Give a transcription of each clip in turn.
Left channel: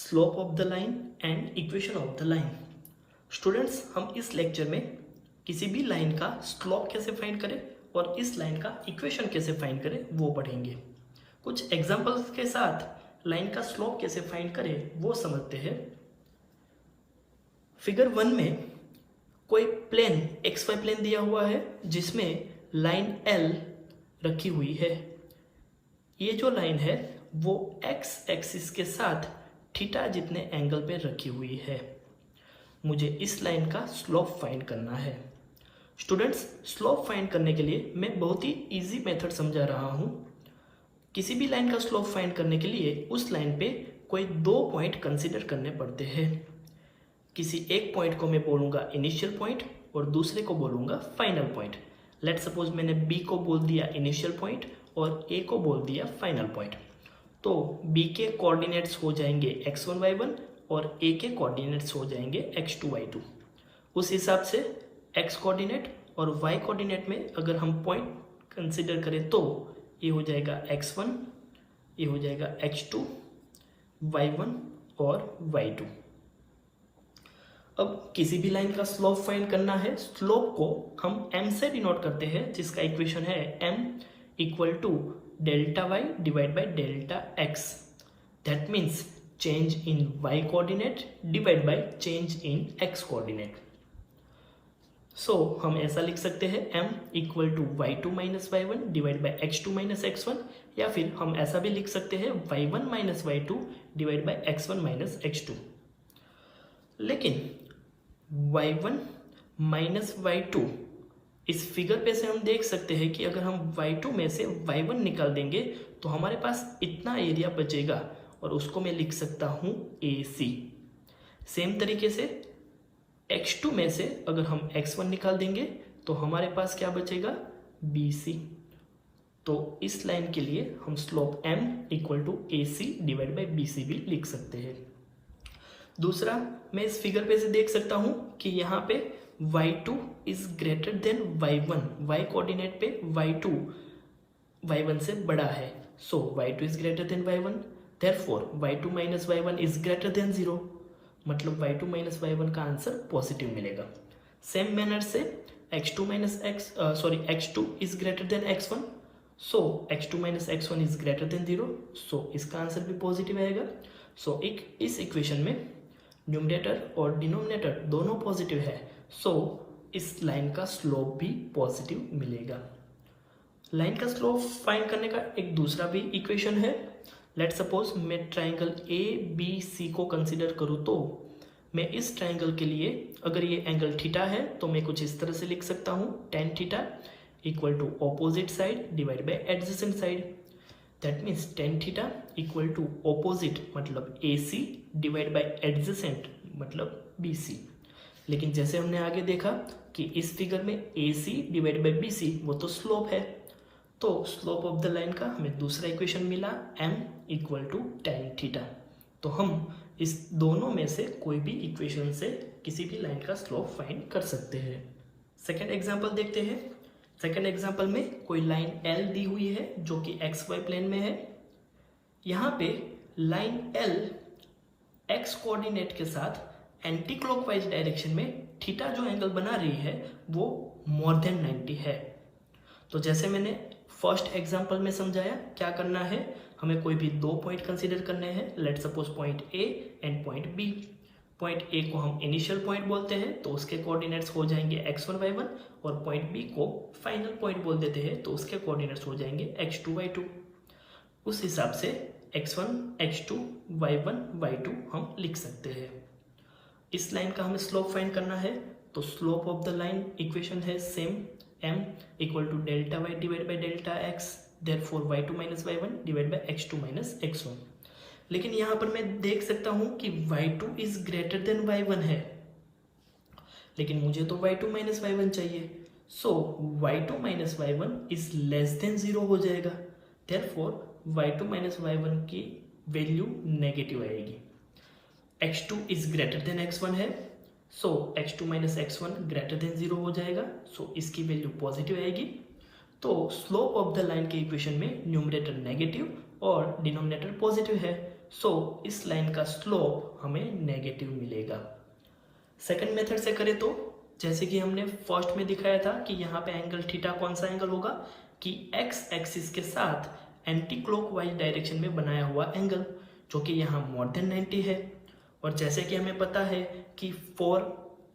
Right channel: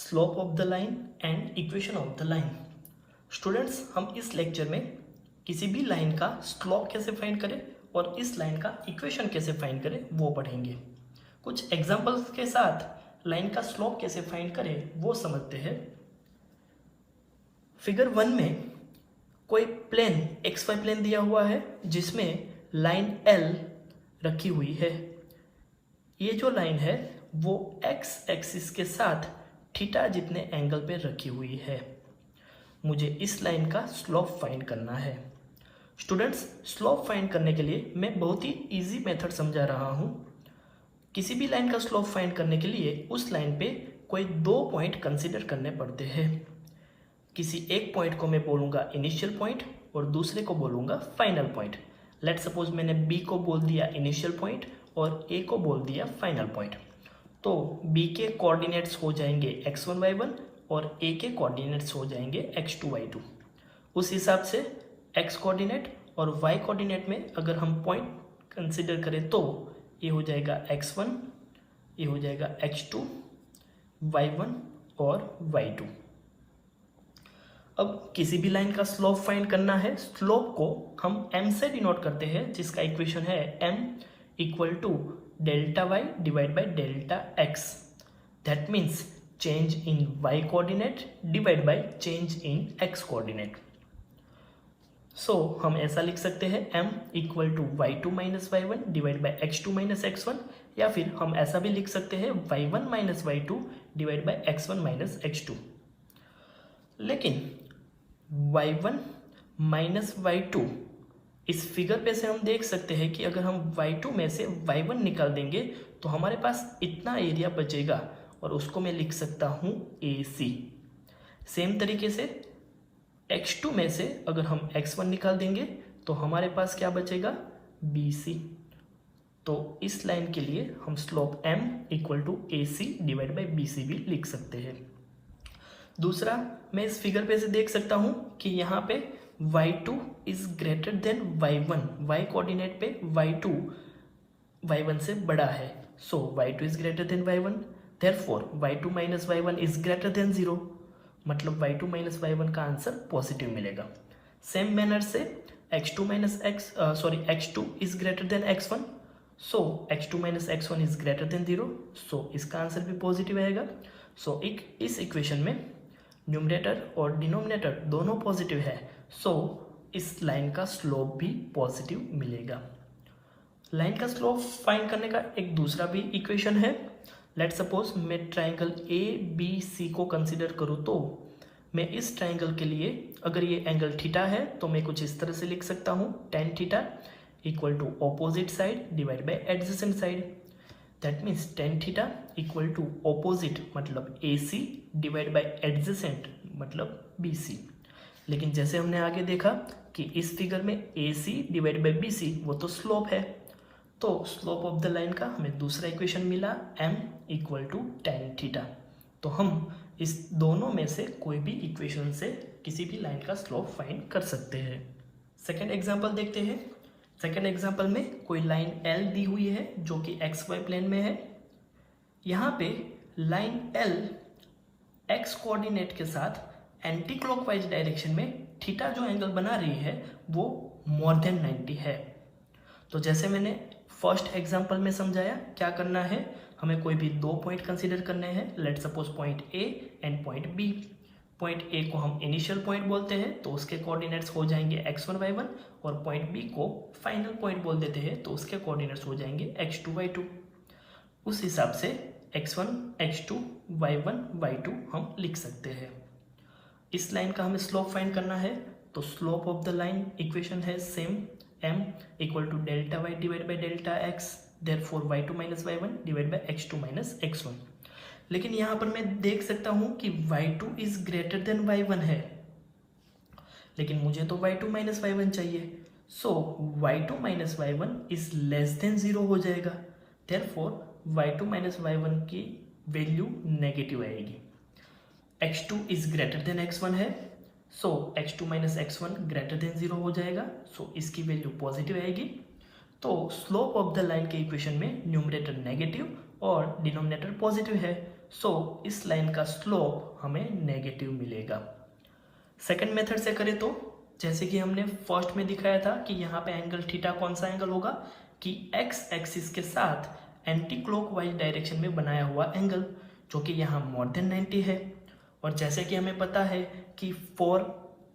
Slope of the line and equation of the line. Students, हम इस lecture में किसी भी लाइन का स्लोप कैसे फाइंड करें और इस लाइन का इक्वेशन कैसे फाइंड करें वो पढ़ेंगे। कुछ एग्जांपल्स के साथ लाइन का स्लोप कैसे फाइंड करें वो समझते हैं। फिगर 1 में कोई प्लेन XY प्लेन दिया हुआ है जिसमें लाइन L रखी हुई है। ये जो लाइन है वो X एक्सिस के साथ थीटा जितने एंगल पे रखी हुई है। मुझे इस लाइन का स्लोप फाइंड करना है। स्टूडेंट्स, स्लोप फाइंड करने के लिए मैं बहुत ही इजी मेथड समझा रहा हूँ। किसी भी लाइन का स्लोप फाइंड करने के लिए उस लाइन पे कोई 2 पॉइंट कंसीडर करने पड़ते हैं। किसी एक पॉइंट को मैं बोलूँगा इनिशियल पॉइंट और दूसरे को बोलूँगा फाइनल पॉइंट। लेट सपोज मैंने B को बोल दिया इनिशियल पॉइंट और A को बोल दिया फाइनल पॉइंट। तो B के कोऑर्डिनेट्स हो जाएंगे x1 y1 और A के कोऑर्डिनेट्स हो जाएंगे x2 y2। उस हिसाब से x कोऑर्डिनेट और y कोऑर्डिनेट में अगर हम पॉइंट कंसीडर करें तो ये हो जाएगा x1, ये हो जाएगा x2, y1 और y2। अब किसी भी लाइन का स्लोप फाइंड करना है। स्लोप को हम m से डिनोट करते हैं जिसका इक्वेशन है m equal to delta y divide by delta x। That means change in y coordinate divide by change in x coordinate. So हम ऐसा लिख सकते हैं m equal to y2 minus y1 divide by x2 minus x1, या फिर हम ऐसा भी लिख सकते हैं y1 minus y2 divide by x1 minus x2। लेकिन y1 माइनस y2 इस फिगर पे से हम देख सकते हैं कि अगर हम y2 में से y1 निकाल देंगे तो हमारे पास इतना एरिया बचेगा और उसको मैं लिख सकता हूँ AC। सेम तरीके से x2 में से अगर हम x1 निकाल देंगे तो हमारे पास क्या बचेगा BC। तो इस लाइन के लिए हम slope m equal to AC divide by BC भी लिख सकते हैं। दूसरा, मैं इस फिगर पे से देख सकता हूं कि यहाँ पे y2 is greater than y1। y coordinate पे y2 y1 से बड़ा है। सो y2 is greater than y1, therefore y2 minus y1 is greater than 0। मतलब y2 माइनस y1 का आंसर पॉजिटिव मिलेगा। सेम मैनर से x2 is greater than x1। So x2 minus x1 is greater than 0। सो इसका answer भी positive आएगा। सो इस equation में numerator और डिनोमिनेटर दोनों पॉजिटिव है। सो इस लाइन का स्लोप भी पॉजिटिव मिलेगा। लाइन का स्लोप फाइंड करने का एक दूसरा भी इक्वेशन है। लेट सपोज मैं ट्राइंगल ABC को कंसीडर करूँ तो मैं इस ट्राइंगल के लिए अगर ये एंगल थीटा है तो मैं कुछ इस तरह से लिख सकता हूँ tan theta equal to opposite side divide by adjacent side. That means tan theta equal to opposite मतलब AC डिवाइड बाई एडजेसेंट मतलब BC। लेकिन जैसे हमने आगे देखा कि इस फिगर में AC डिवाइड बाई BC वो तो स्लोप है। तो स्लोप ऑफ द लाइन का हमें दूसरा इक्वेशन मिला m equal to tan theta. तो हम इस दोनों में से कोई भी इक्वेशन से किसी भी लाइन का स्लोप फाइंड कर सकते हैं। सेकेंड एग्जाम्पल देखते हैं। सेकेंड एग्जाम्पल में कोई लाइन L दी हुई है जो कि XY प्लेन में है। यहाँ पे लाइन L X कोऑर्डिनेट के साथ एंटी क्लॉकवाइज डायरेक्शन में थीटा जो एंगल बना रही है वो मोर देन 90 है। तो जैसे मैंने फर्स्ट एग्जांपल में समझाया, क्या करना है, हमें कोई भी 2 पॉइंट कंसीडर करने हैं। Let suppose point A and point B। Point A को हम इनिशियल पॉइंट बोलते हैं तो उसके कोऑर्डिनेट्स हो जाएंगे x1 y1, और पॉइंट B को फाइनल पॉइंट बोल देते हैं तो उसके कोऑर्डिनेट्स हो जाएंगे x2 y2। उस हिसाब से x1 x2 y1 y2 हम लिख सकते हैं। इस लाइन का हमें स्लोप फाइंड करना है तो slope of the line equation है same m equal to delta y divide by delta x। Therefore y2 minus y1 divide by x2 minus x1। लेकिन यहाँ पर मैं देख सकता हूँ कि y2 is greater than y1 है, लेकिन मुझे तो y2 माइनस y1 चाहिए। सो y2 minus y1 is less than 0 हो जाएगा। देयरफॉर y2 माइनस y1 की वैल्यू नेगेटिव आएगी। x2 is greater than x1 है। सो x2 minus x1 greater than 0 हो जाएगा। सो इसकी वैल्यू पॉजिटिव आएगी। तो स्लोप ऑफ द लाइन के इक्वेशन में न्यूमरेटर नेगेटिव और डिनोमिनेटर पॉजिटिव है। सो इस लाइन का स्लोप हमें नेगेटिव मिलेगा। सेकंड मेथड से करें तो जैसे कि हमने फर्स्ट में दिखाया था कि यहाँ पे एंगल थीटा कौन सा एंगल होगा कि एक्स एक्सिस के साथ एंटी क्लॉकवाइज डायरेक्शन में बनाया हुआ एंगल, जो कि यहाँ मोर देन 90 है। और जैसे कि हमें पता है कि for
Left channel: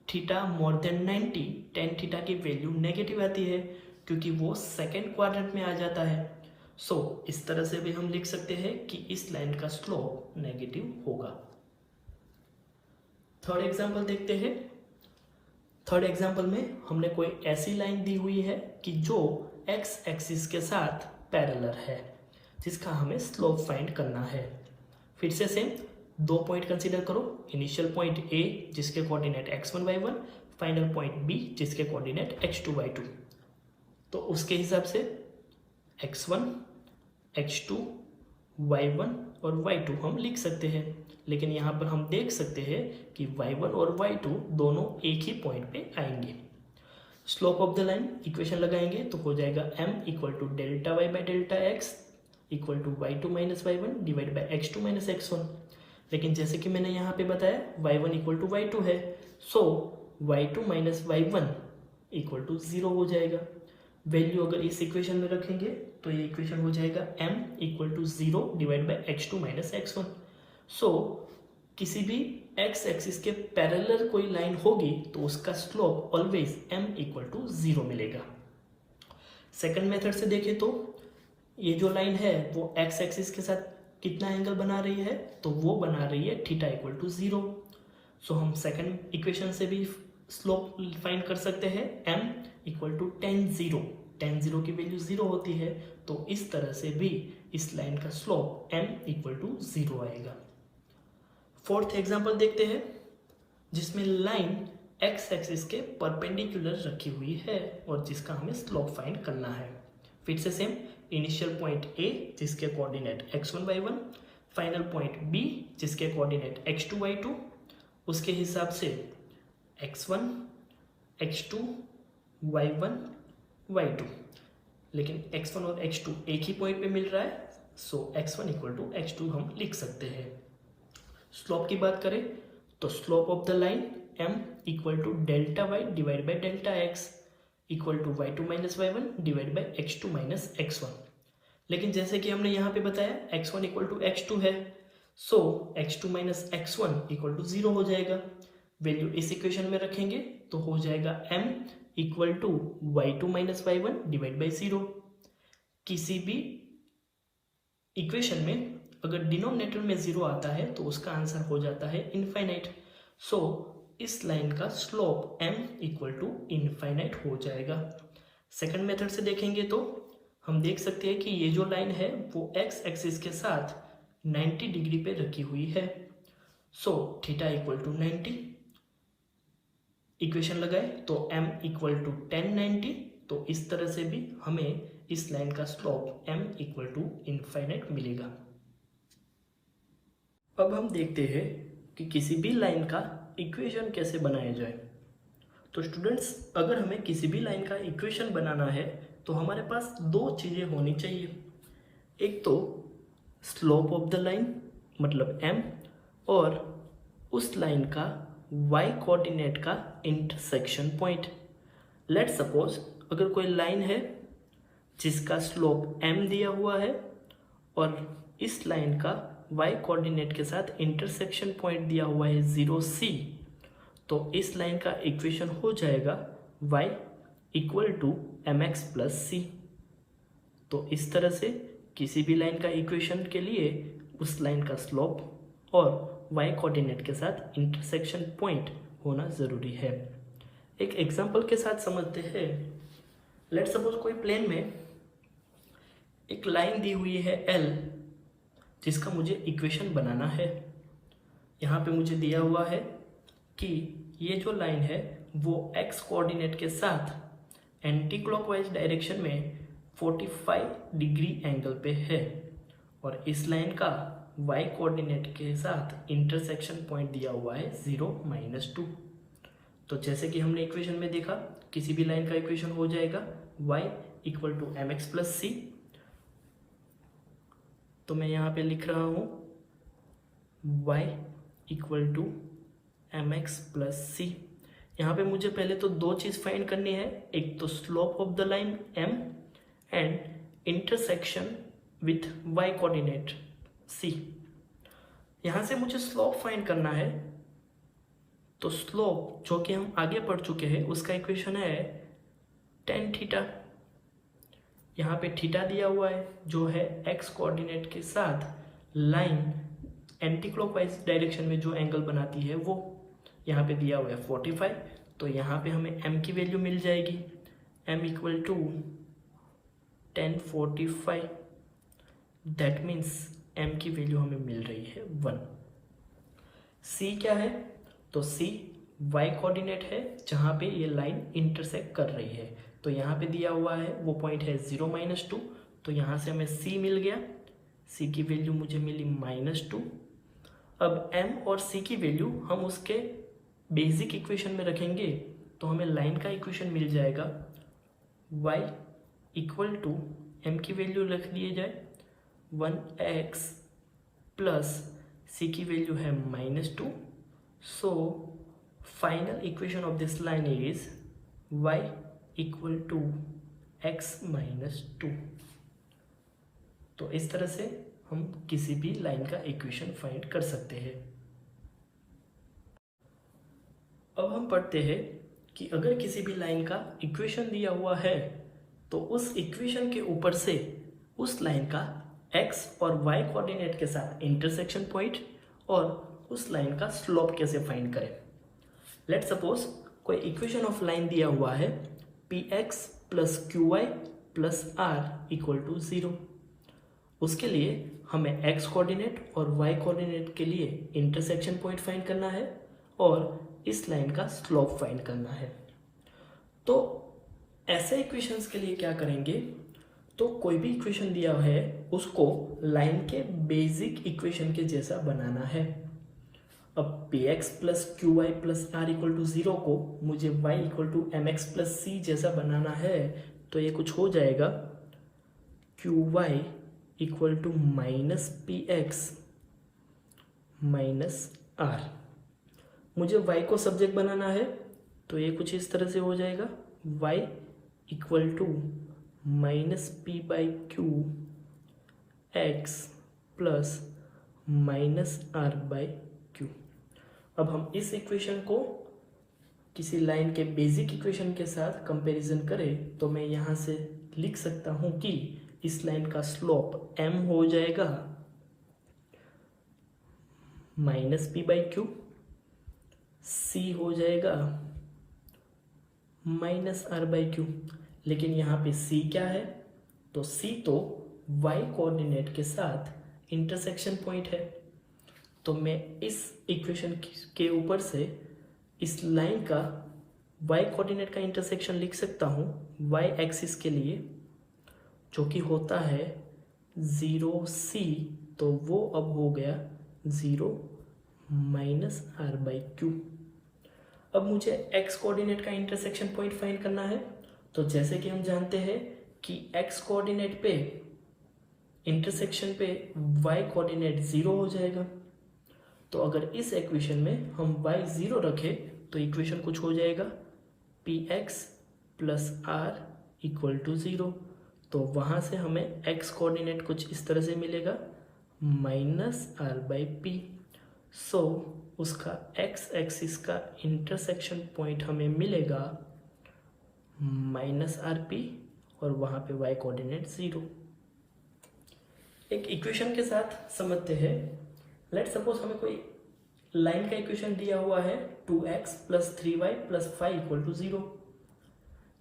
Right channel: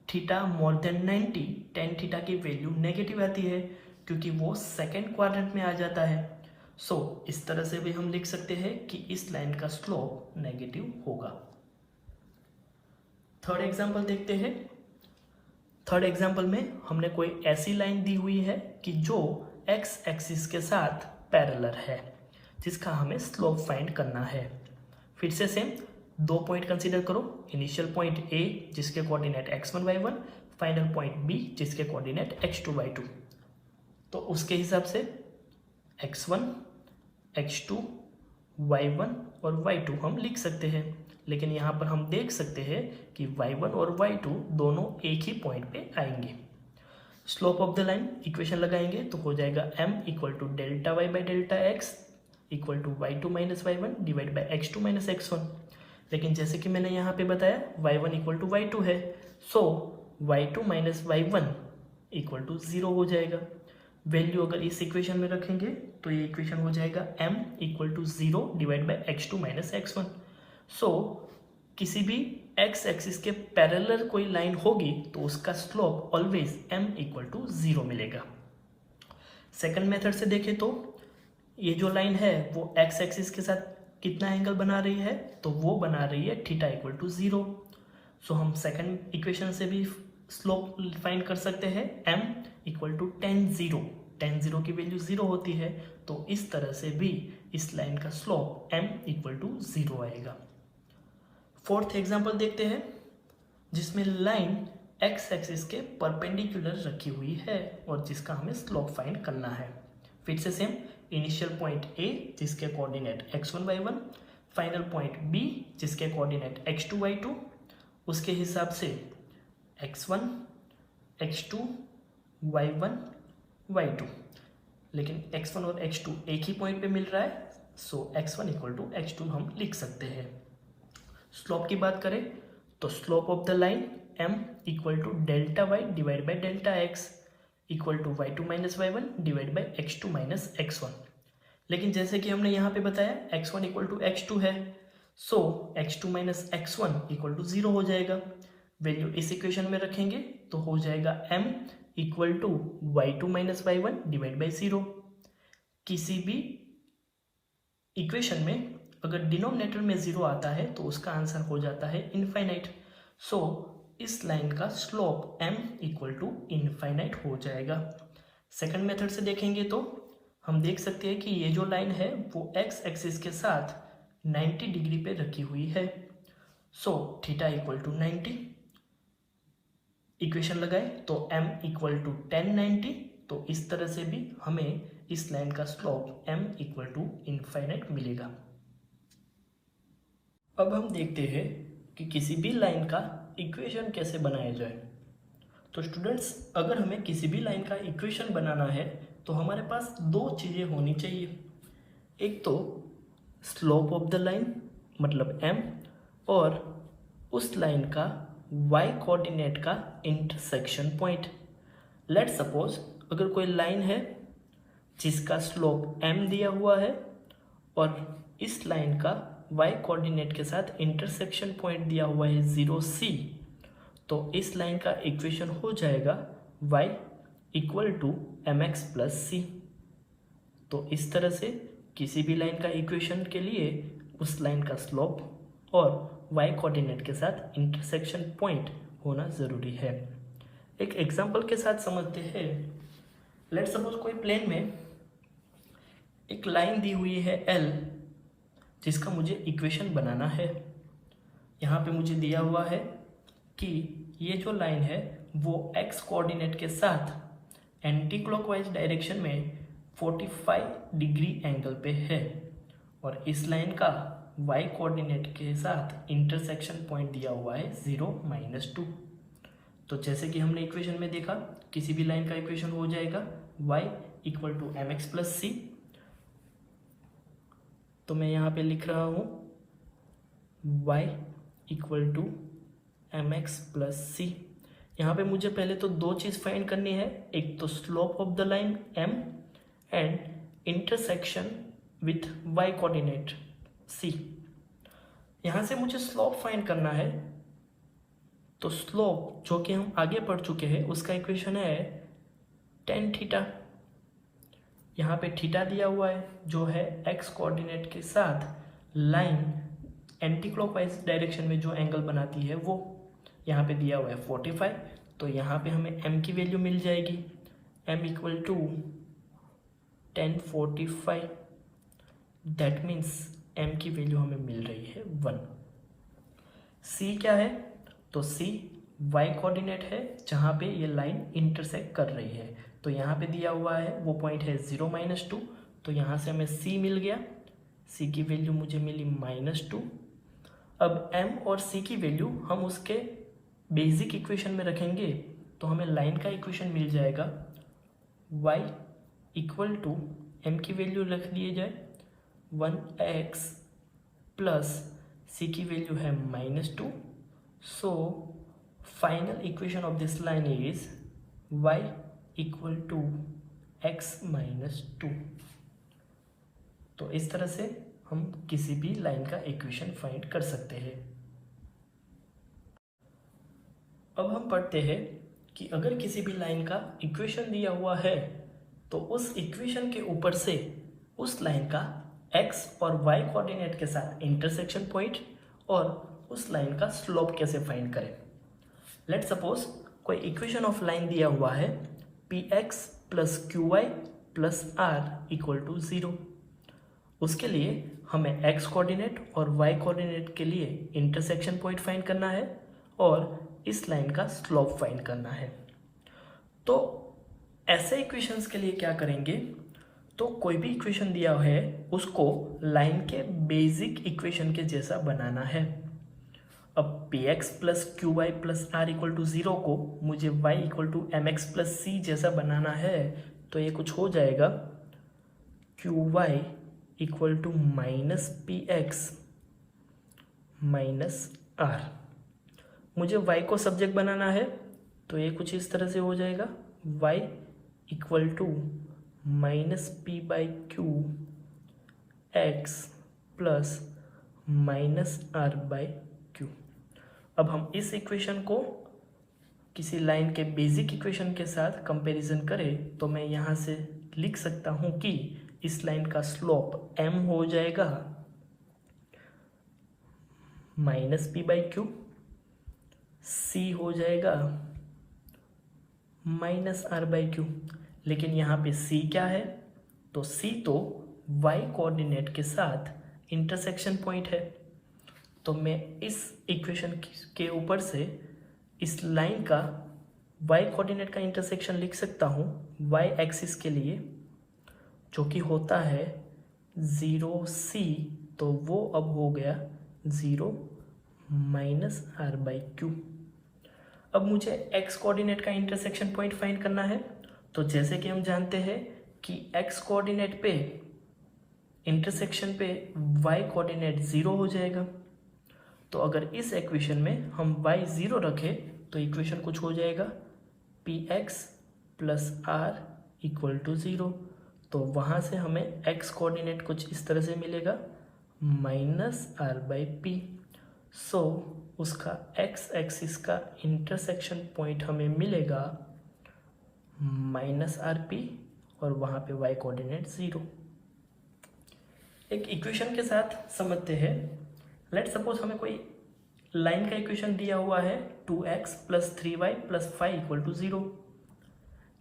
theta more than 90 tan theta की वैल्यू नेगेटिव आती है क्योंकि वो सेकेंड क्वाड्रेंट में आ जाता है। सो इस तरह से भी हम लिख सकते हैं कि इस लाइन का स्लोप नेगेटिव होगा। थर्ड एग्जांपल देखते हैं। थर्ड एग्जांपल में हमने कोई ऐसी लाइन दी हुई है कि जो एक्स एक्सिस के साथ पैरेलल है, जिसका हमें स्लोप फाइंड करना है। फिर से सेम दो पॉइंट कंसीडर करो, इनिशियल पॉइंट ए जिसके coordinate x1 y1, final point B जिसके कोऑर्डिनेट x2 y2। तो उसके हिसाब से x1 x2 y1 और y2 हम लिख सकते हैं, लेकिन यहाँ पर हम देख सकते हैं कि y1 और y2 दोनों एक ही पॉइंट पे आएंगे। Slope of the line equation लगाएंगे तो हो जाएगा m equal to delta y by delta x equal to y2 minus y1 divide by x2 minus x1। लेकिन जैसे कि मैंने यहाँ पे बताया y1 इक्वल टू y2 है, सो y2 minus y1 equal to 0 हो जाएगा। वैल्यू अगर इस इक्वेशन में रखेंगे तो ये इक्वेशन हो जाएगा m equal to 0 divide by x2 minus x1। So किसी भी x एक्सिस के पैरेलल कोई लाइन होगी तो उसका slope always m equal to 0 मिलेगा। सेकंड मेथड से देखें तो ये जो लाइन है वो x एक्सिस के साथ कितना एंगल बना रही है, तो वो बना रही है थीटा इक्वल टू 0। सो हम सेकंड इक्वेशन से भी स्लोप फाइंड कर सकते हैं, m equal to tan 0। tan 0 की वैल्यू 0 होती है, तो इस तरह से भी इस लाइन का स्लोप m इक्वल टू 0 आएगा। फोर्थ एग्जांपल देखते हैं जिसमें लाइन x एक्सिस के परपेंडिकुलर रखी हुई है और जिसका हमें स्लोप फाइंड करना है। फिर से सेम इनिशियल पॉइंट a जिसके coordinate x1 y1, final point b जिसके कोऑर्डिनेट x2 y2, उसके हिसाब से x1 x2 y1 y2, लेकिन x1 और x2 एक ही पॉइंट पे मिल रहा है, सो x1 इक्वल टू x2 हम लिख सकते हैं। स्लोप की बात करें तो slope of the line m equal to delta y divide by delta x equal to y2 minus y1 divide by x2 minus x1। लेकिन जैसे कि हमने यहाँ पे बताया x1 इक्वल टू x2 है, सो x2 minus x1 equal to 0 हो जाएगा। वैल्यू इस इक्वेशन में रखेंगे तो हो जाएगा m equal to y2 minus y1 divide by 0। किसी भी इक्वेशन में अगर डिनोमिनेटर में 0 आता है तो उसका आंसर हो जाता है इनफाइनाइट। सो इस लाइन का slope m equal to infinite हो जाएगा। सेकंड मेथड से देखेंगे तो हम देख सकते हैं कि ये जो लाइन है वो x एक्सिस के साथ 90 डिग्री पे रखी हुई है। So theta equal to 90, equation लगाए तो m इक्वल टू tan 90। तो इस तरह से भी हमें इस लाइन का slope m equal to infinite मिलेगा। अब हम देखते हैं कि किसी भी लाइन का इक्वेशन कैसे बनाया जाए। तो स्टूडेंट्स, अगर हमें किसी भी लाइन का इक्वेशन बनाना है तो हमारे पास दो चीज़ें होनी चाहिए। एक तो स्लोप ऑफ द लाइन मतलब m, और उस लाइन का y कोऑर्डिनेट का इंटरसेक्शन पॉइंट। लेट्स सपोज अगर कोई लाइन है जिसका स्लोप m दिया हुआ है और इस लाइन का y कोऑर्डिनेट के साथ इंटरसेक्शन पॉइंट दिया हुआ है 0c, तो इस लाइन का इक्वेशन हो जाएगा y equal to mx plus c। तो इस तरह से किसी भी लाइन का इक्वेशन के लिए उस लाइन का स्लोप और y कोऑर्डिनेट के साथ इंटरसेक्शन पॉइंट होना ज़रूरी है। एक एग्जांपल के साथ समझते हैं। लेट्स सपोज कोई प्लेन में एक लाइन दी हुई है L, जिसका मुझे इक्वेशन बनाना है। यहाँ पे मुझे दिया हुआ है कि ये जो लाइन है वो x कोऑर्डिनेट के साथ एंटी क्लॉकवाइज डायरेक्शन में 45 डिग्री एंगल पे है और इस लाइन का y कोऑर्डिनेट के साथ इंटरसेक्शन पॉइंट दिया हुआ है 0-2। तो जैसे कि हमने इक्वेशन में देखा, किसी भी लाइन का इक्वेशन हो जाएगा y equal to mx plus c। तो मैं यहाँ पे लिख रहा हूँ y equal to M X plus C. यहाँ पे मुझे पहले तो दो चीज़ फाइंड करनी है, एक तो slope of the line m and intersection with y coordinate c। यहाँ से मुझे स्लोप फाइंड करना है, तो स्लोप जो कि हम आगे पढ़ चुके हैं उसका इक्वेशन है tan थीटा। यहाँ पे थीटा दिया हुआ है जो है x कोऑर्डिनेट के साथ लाइन एंटी क्लॉकवाइज डायरेक्शन में जो एंगल बनाती है वो यहाँ पे दिया हुआ है 45। तो यहाँ पे हमें m की वैल्यू मिल जाएगी, m equal to 1045। That means m की वैल्यू हमें मिल रही है 1। c क्या है, तो c y कोऑर्डिनेट है जहाँ पे ये लाइन इंटरसेक्ट कर रही है। तो यहाँ पे दिया हुआ है वो पॉइंट है 0-2, तो यहाँ से हमें c मिल गया, c की वैल्यू मुझे मिली -2। अब m और c की वैल्यू हम उसके बेसिक इक्वेशन में रखेंगे तो हमें लाइन का इक्वेशन मिल जाएगा y इक्वल टू m की वैल्यू रख दिए जाए 1x प्लस c की वैल्यू है -2। So final equation of this line is y equal to x -2। तो इस तरह से हम किसी भी लाइन का इक्वेशन फाइंड कर सकते हैं। अब हम पढ़ते हैं कि अगर किसी भी लाइन का इक्वेशन दिया हुआ है तो उस इक्वेशन के ऊपर से उस लाइन का x और y कोऑर्डिनेट के साथ इंटरसेक्शन पॉइंट और उस लाइन का स्लोप कैसे फाइंड करें। लेट्स सपोज कोई इक्वेशन ऑफ लाइन दिया हुआ है px plus qy plus r equal to 0। उसके लिए हमें x कोऑर्डिनेट और y कोऑर्डिनेट के लिए इंटरसेक्शन पॉइंट फाइंड करना है और इस लाइन का स्लोप फाइंड करना है। तो ऐसे इक्वेशंस के लिए क्या करेंगे, तो कोई भी इक्वेशन दिया है उसको लाइन के बेसिक इक्वेशन के जैसा बनाना है। अब px plus qy plus r equal to 0 को मुझे y equal to mx plus c जैसा बनाना है, तो ये कुछ हो जाएगा qy equal to minus px minus r। मुझे y को सब्जेक्ट बनाना है तो ये कुछ इस तरह से हो जाएगा y equal to minus p by q x plus minus r by q. अब हम इस इक्वेशन को किसी लाइन के बेसिक इक्वेशन के साथ कंपैरिजन करें तो मैं यहाँ से लिख सकता हूँ कि इस लाइन का स्लोप m हो जाएगा minus p by Q, c हो जाएगा माइनस r बाई क्यू। लेकिन यहाँ पे c क्या है, तो c तो y कोऑर्डिनेट के साथ इंटरसेक्शन पॉइंट है। तो मैं इस इक्वेशन के ऊपर से इस लाइन का y कोऑर्डिनेट का इंटरसेक्शन लिख सकता हूँ y एक्सिस के लिए, जो कि होता है 0c। तो वो अब हो गया 0 माइनस r बाई क्यू। अब मुझे x कोऑर्डिनेट का इंटरसेक्शन पॉइंट फाइंड करना है। तो जैसे कि हम जानते हैं कि x कोऑर्डिनेट पे इंटरसेक्शन पे y कोऑर्डिनेट 0 हो जाएगा। तो अगर इस इक्वेशन में हम y 0 रखें तो इक्वेशन कुछ हो जाएगा px plus r equal to 0। तो वहाँ से हमें x कोऑर्डिनेट कुछ इस तरह से मिलेगा माइनस r बाई पी। सो उसका x एक्सिस का इंटरसेक्शन पॉइंट हमें मिलेगा माइनस आर पी और वहाँ पे y कोऑर्डिनेट 0। एक इक्वेशन के साथ समझते हैं। लेट्स सपोज हमें कोई लाइन का इक्वेशन दिया हुआ है 2x plus 3y plus 5 equal to 0।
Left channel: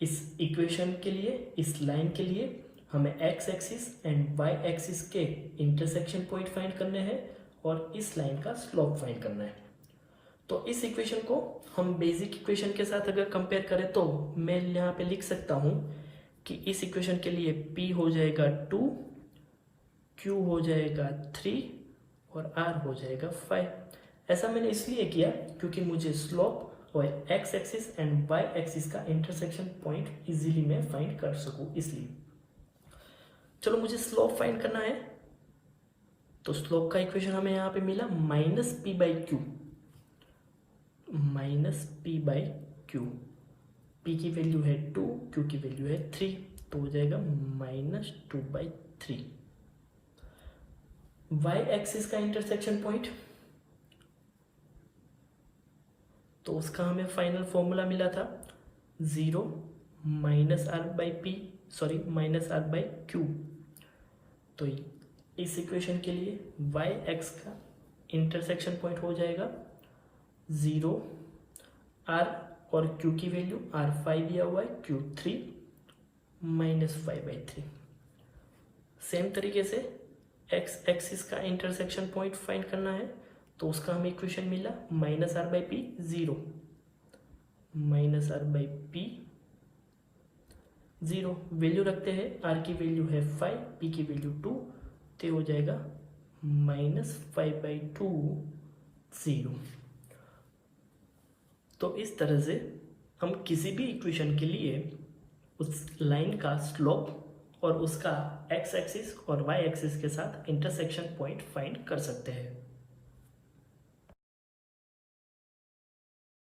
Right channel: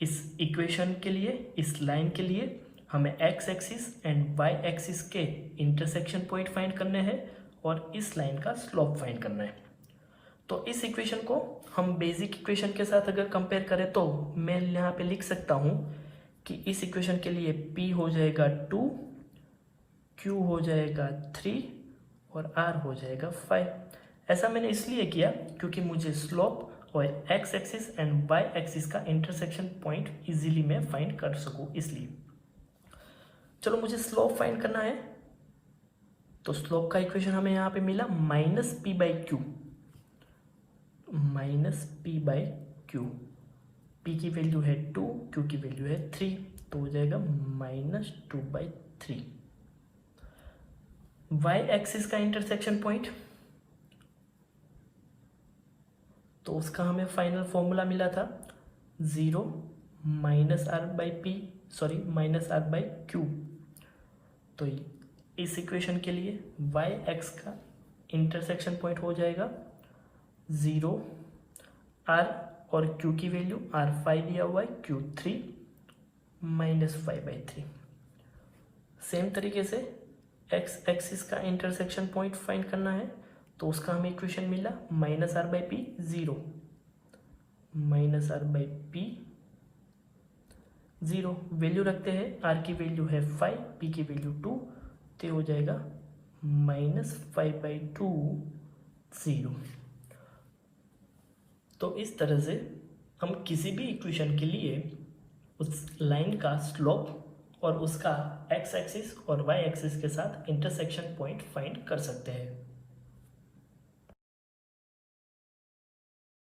इस इक्वेशन के लिए, इस लाइन के लिए हमें x axis and y axis के इंटरसेक्शन पॉइंट फाइंड करने हैं और इस लाइन का स्लोप फाइंड करना है। तो इस इक्वेशन को हम बेसिक इक्वेशन के साथ अगर कंपेयर करें तो मैं यहाँ पे लिख सकता हूँ कि इस इक्वेशन के लिए p हो जाएगा 2, q हो जाएगा 3 और r हो जाएगा 5। ऐसा मैंने इसलिए किया क्योंकि मुझे स्लोप और x axis and y axis का इंटरसेक्शन पॉइंट इजीली मैं फाइंड कर सकूँ। इसलिए चलो मुझे स्लोप फाइंड करना है। तो स्लोप का इक्वेशन हमें यहाँ पे मिला minus P by Q, minus P by Q. P की वैल्यू है 2, क्यू की वैल्यू है 3, तो हो जाएगा -2/3। वाई एक्सिस का इंटरसेक्शन पॉइंट, तो उसका हमें फाइनल फॉर्मूला मिला था 0 -r/q। तो इस इक्वेशन के लिए वाई एक्स का इंटरसेक्शन पॉइंट हो जाएगा 0, r और q की वैल्यू r5 दिया हुआ है, q3 -5/3। सेम तरीके से x एक्सिस का इंटरसेक्शन पॉइंट फाइंड करना है, तो उसका हमें इक्वेशन मिला -r/p 0, -r/p 0। वैल्यू रखते हैं, r की वैल्यू है 5, p की वैल्यू 2, तो हो जाएगा -5/2 0। तो इस तरह से हम किसी भी इक्वेशन के लिए उस लाइन का स्लोप और उसका x एक्सिस और y एक्सिस के साथ इंटरसेक्शन पॉइंट फाइंड कर सकते हैं।